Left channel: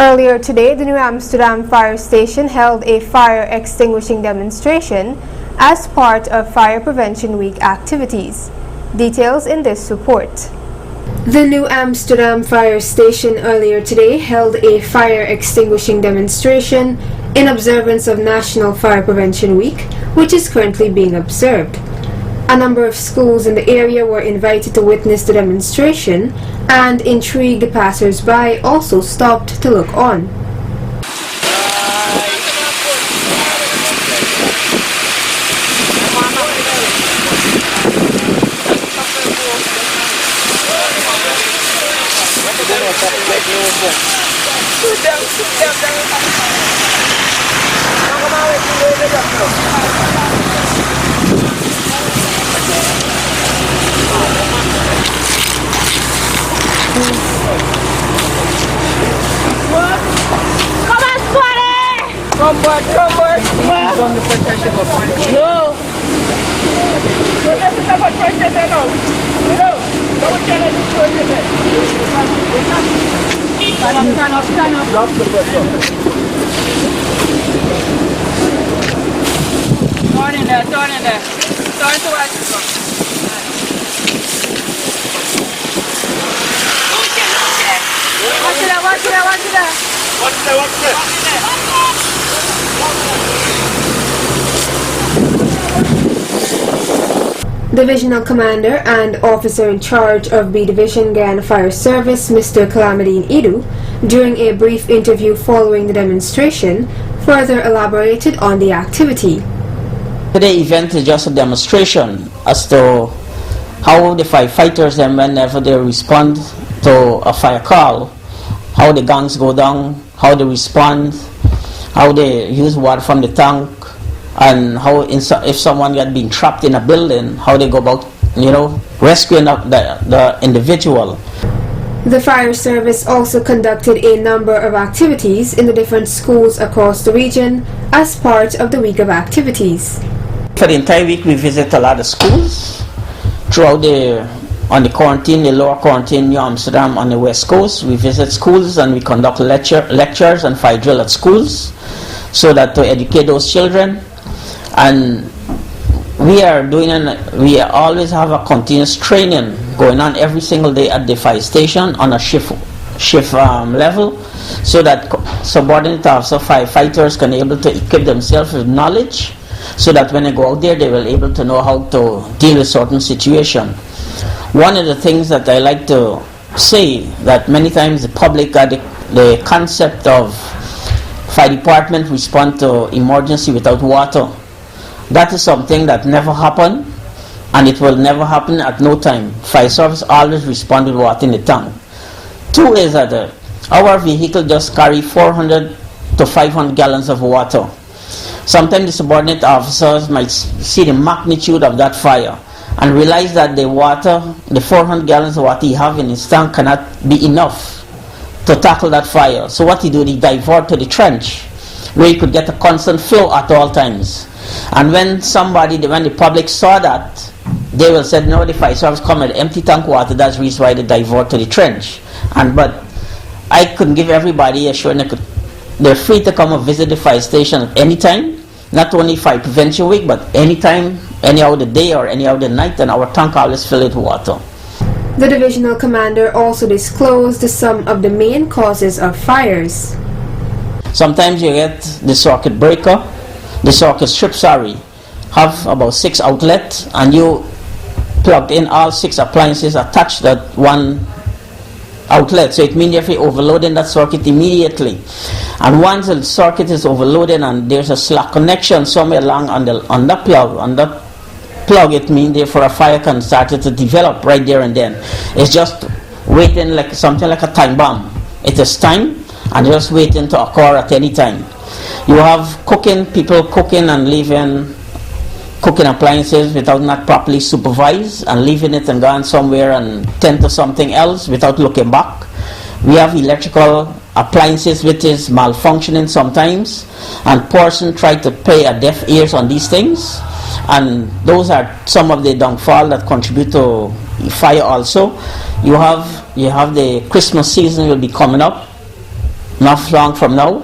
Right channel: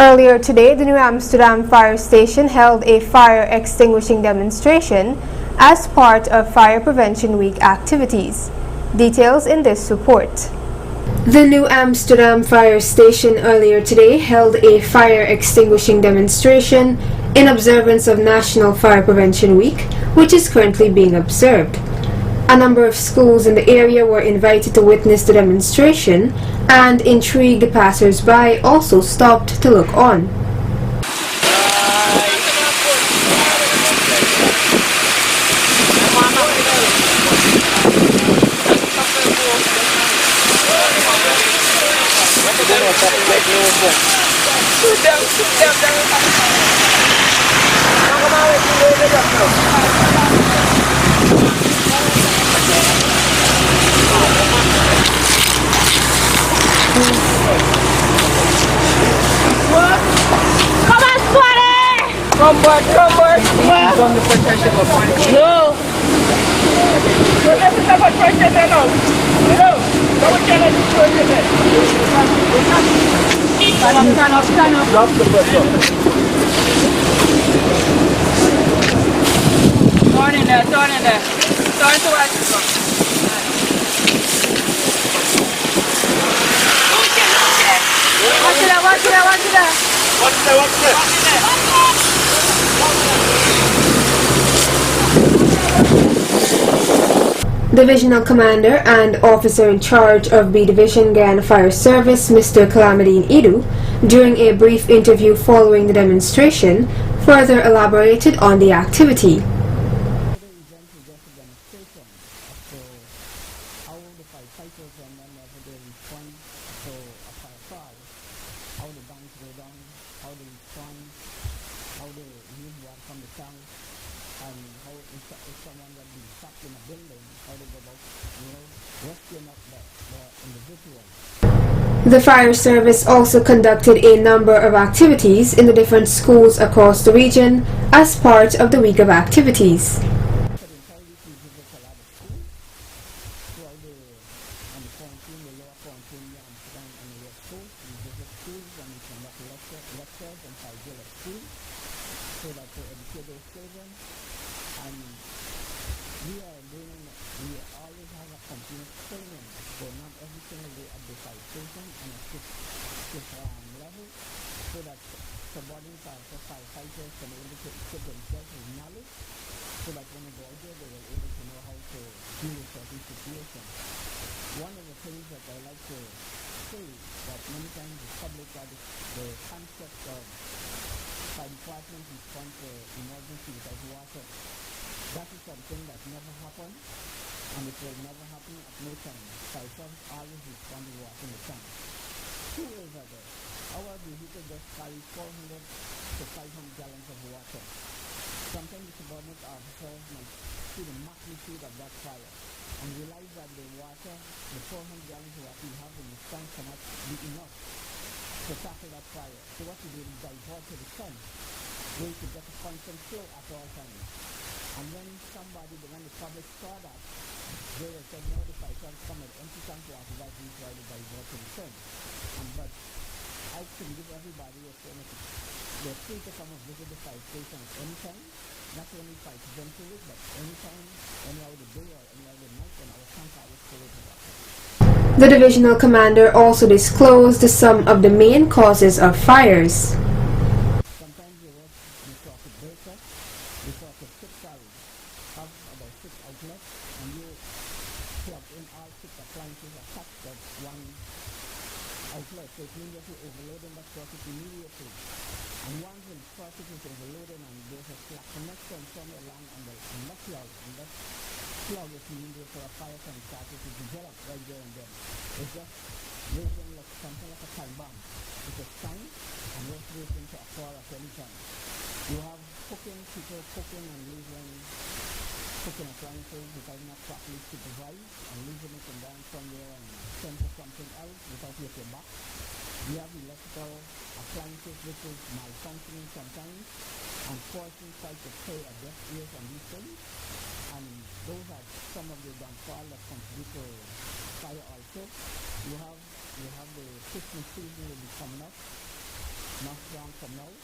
Earlier today, the New Amsterdam Fire Station held a fire extinguishing demonstration as part of Fire Prevention Week activities. Details in this report. The New Amsterdam Fire Station earlier today held a fire extinguishing demonstration in observance of National Fire Prevention Week, which is currently being observed. A number of schools in the area were invited to witness the demonstration, and intrigued passers-by also stopped to look on. Come back. He's on the protection of money. No. This is about protection now. No. Don't get it. Stand up. Drop the person. Turn in there. Turn to us. Watch it. Divisional Commander and Officer in charge of B Division Guyana Fire Service, Mr. Calamidine Idu, during a brief interview following the demonstration, further elaborated on the activity. Today's event is just a demonstration as to how the firefighters, and whenever they respond to a fire call, how the gangs go down, how they respond, how they use water from the tank, and how if someone had been trapped in a building, how they go about, rescuing the individual. The fire service also conducted a number of activities in the different schools across the region as part of the week of activities. For the entire week, we visit a lot of schools throughout on the quarantine, the lower quarantine, New Amsterdam on the west coast. We visit schools and we conduct lectures and fire drill at schools so that to educate those children. And we always have a continuous training going on every single day at the fire station on a shift level, so that subordinate officer firefighters can be able to equip themselves with knowledge, so that when they go out there, they will be able to know how to deal with certain situation. One of the things that I like to say, that many times the public got the concept of fire department respond to emergency without water. That is something that never happened, and it will never happen at no time. Fire service always respond with water in the tank. Two is that our vehicle just carry 400 to 500 gallons of water. Sometimes the subordinate officers might see the magnitude of that fire and realize that the 400 gallons of water he have in his tank cannot be enough to tackle that fire. So what he do, he divert to the trench, where he could get a constant flow at all times. And when the public saw that, they will say, no, the fire service come with empty tank water, that's the reason why they divert to the trench. But I could give everybody assurance they're free to come and visit the fire station at any time, not only Fire Prevention Week, but any time, any hour of the day or any hour of the night, and our tank always fill with water. The divisional commander also disclosed some of the main causes of fires. Sometimes you get the circuit breaker, the circuit strip, have about 6 outlets, and you plugged in all 6 appliances attached that one outlet. So it means if you're overloading that circuit immediately. And once the circuit is overloaded and there's a slack connection somewhere along on that plug, it means therefore a fire can start to develop right there and then. It's just waiting like something like a time bomb. It is time and just waiting to occur at any time. You have people cooking and leaving cooking appliances without not properly supervised and leaving it and going somewhere and tend to something else without looking back. We have electrical appliances which is malfunctioning sometimes, and person try to pay a deaf ears on these things, and those are some of the downfall that contribute to fire also. You have the Christmas season will be coming up. not long from now,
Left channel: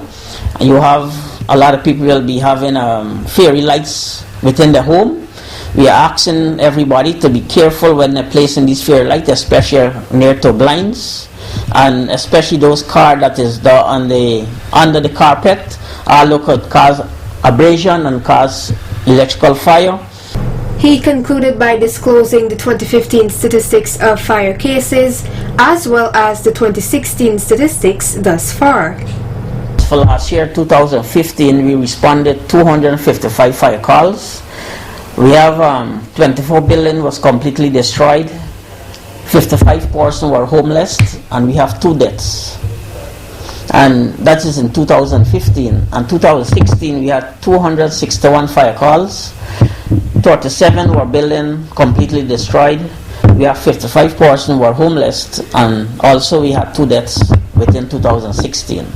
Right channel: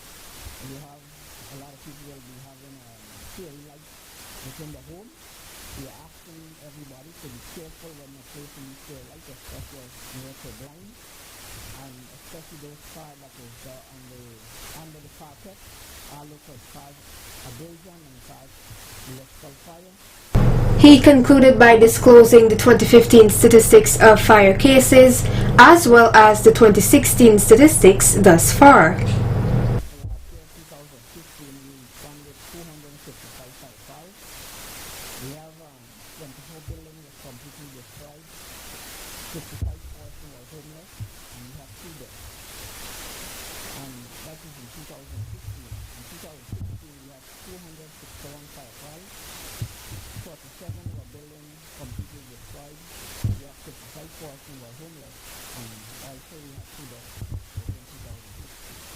you have a lot of people will be having fairy lights within the home. We are asking everybody to be careful when they're placing these fairy lights, especially near to blinds, and especially those cars that is under the carpet. All could cause abrasion and cause electrical fire. He concluded by disclosing the 2015 statistics of fire cases as well as the 2016 statistics thus far. For last year, 2015, we responded 255 fire calls. We have 24 buildings was completely destroyed, 55 persons were homeless, and we have 2 deaths. And that is in 2015. And 2016, we had 261 fire calls. 37 were buildings completely destroyed. We have 55 persons who were homeless, and also we had 2 deaths within 2016.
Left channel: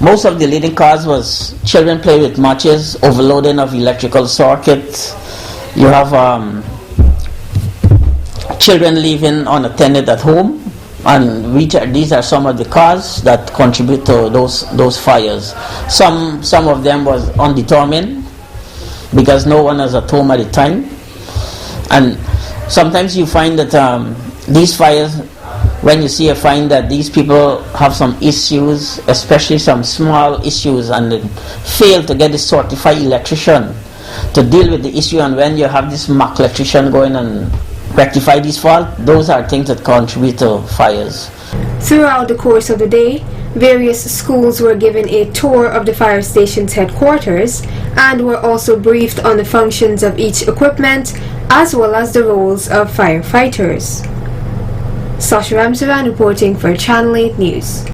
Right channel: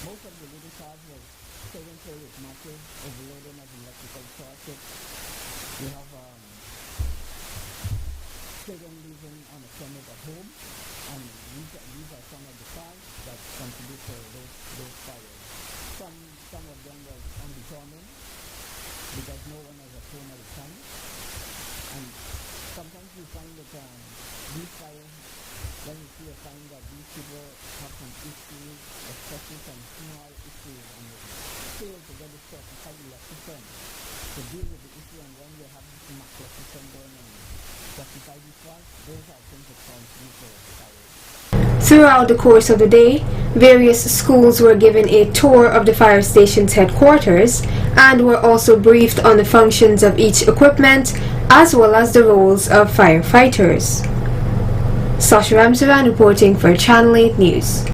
Most of the leading cause was children play with matches, overloading of electrical circuits. You have children leaving unattended at home, and these are some of the causes that contribute to those fires. Some of them was undetermined, because no one was at home at the time. And sometimes you find that these fires, when you see a find that these people have some issues, especially some small issues, and they fail to get a certified electrician to deal with the issue, and when you have this mock electrician going and rectify these faults, those are things that contribute to fires. Throughout the course of the day, various schools were given a tour of the fire station's headquarters and were also briefed on the functions of each equipment as well as the roles of firefighters. Sasha Ramsaran reporting for Channel 8 News.